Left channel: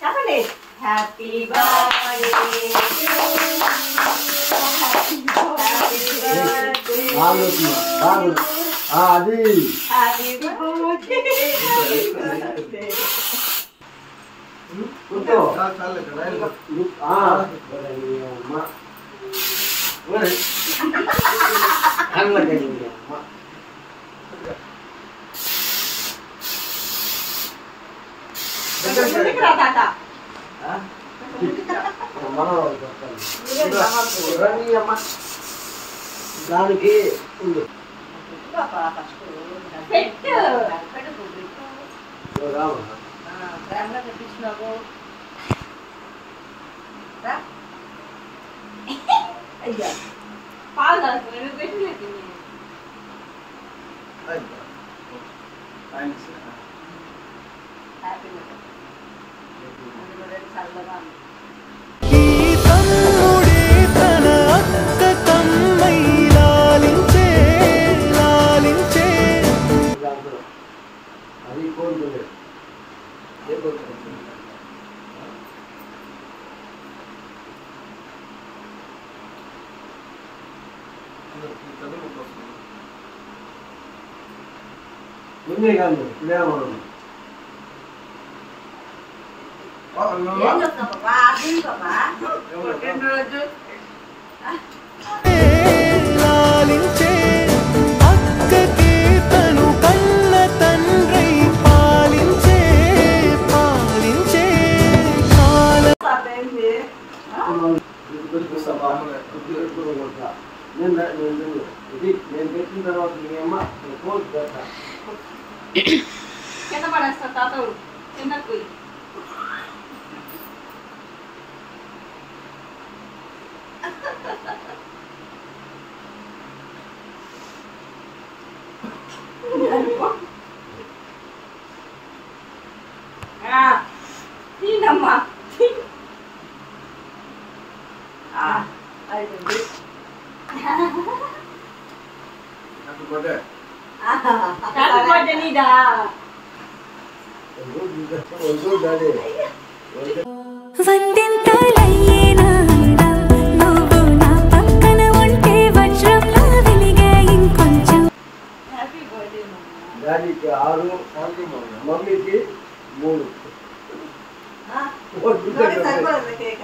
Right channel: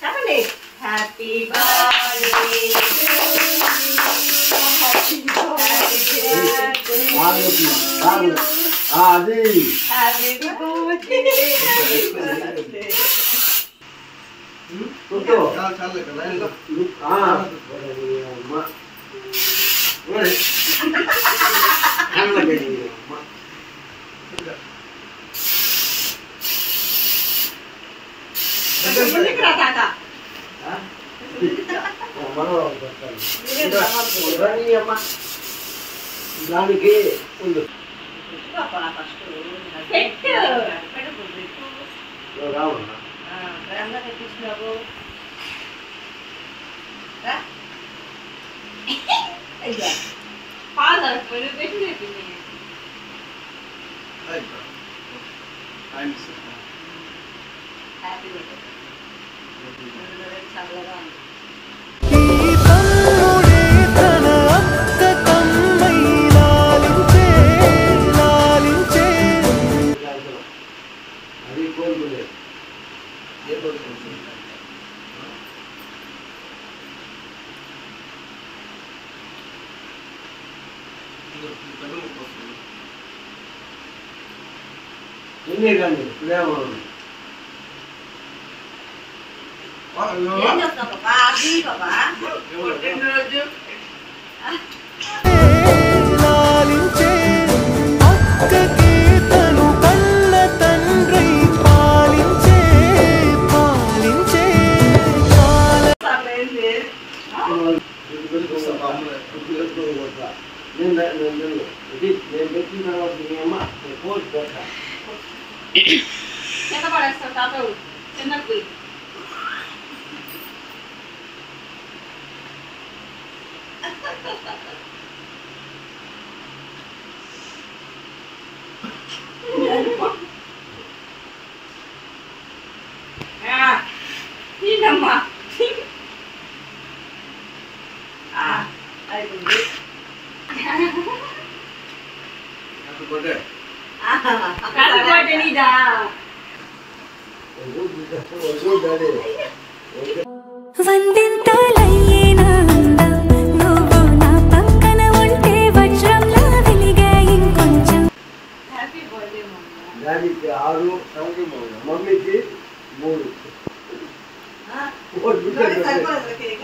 చెప్పండి. Happy birthday అది happy birthday దానికి ప్రేమగా తెప్పించినావు. పాలు అది కోరుకునేది ఉంది కానీ ప్రేమ లాలించే అక్కకి తను కన్న తండ్రి పాలించే పాలించే కాల నేను పెట్టిన తర్వాత మీ అమ్మ పోస్ట్ పెడతా కింద పడేస్తా తాత చిన్నకు తినమ్మా అయిపోయింది. నీదా వందింతలయ్యేనా అందం నువ్వు నా పక్కన ఉంటే వజ్రంలా వెలిగే ఇంకొంచెం. హ్యాపీ బర్త్డే డాడీకి 6 మమ్మీకి 3 సరిపోలేదు కేక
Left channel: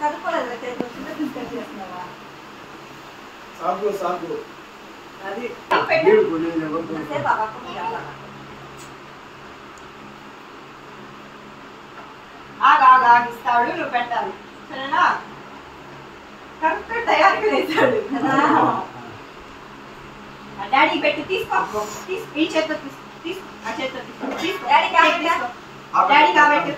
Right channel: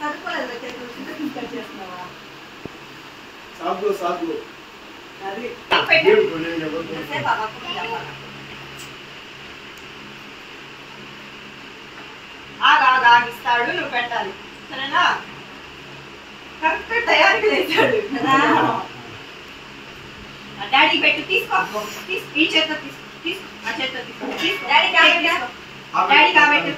సరిపోలేదు కేక చేస్తున్నావా సాగు అది ఆగిస్తాడు నువ్వు పెట్టాలి సరేనా కరెక్ట్ తయారీ వేస్తాడు డాడీ పెట్టు తీసుకో ఈ చేత్తో తీసుకో ఆ చేత్తో తీసుకో డాడీ కాబెట్టు డాడీ కాబెట్టు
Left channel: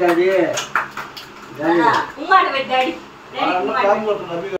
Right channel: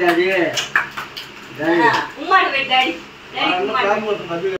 డాడీ ఉమ్మాడు పెట్టు డాడీ డాడీ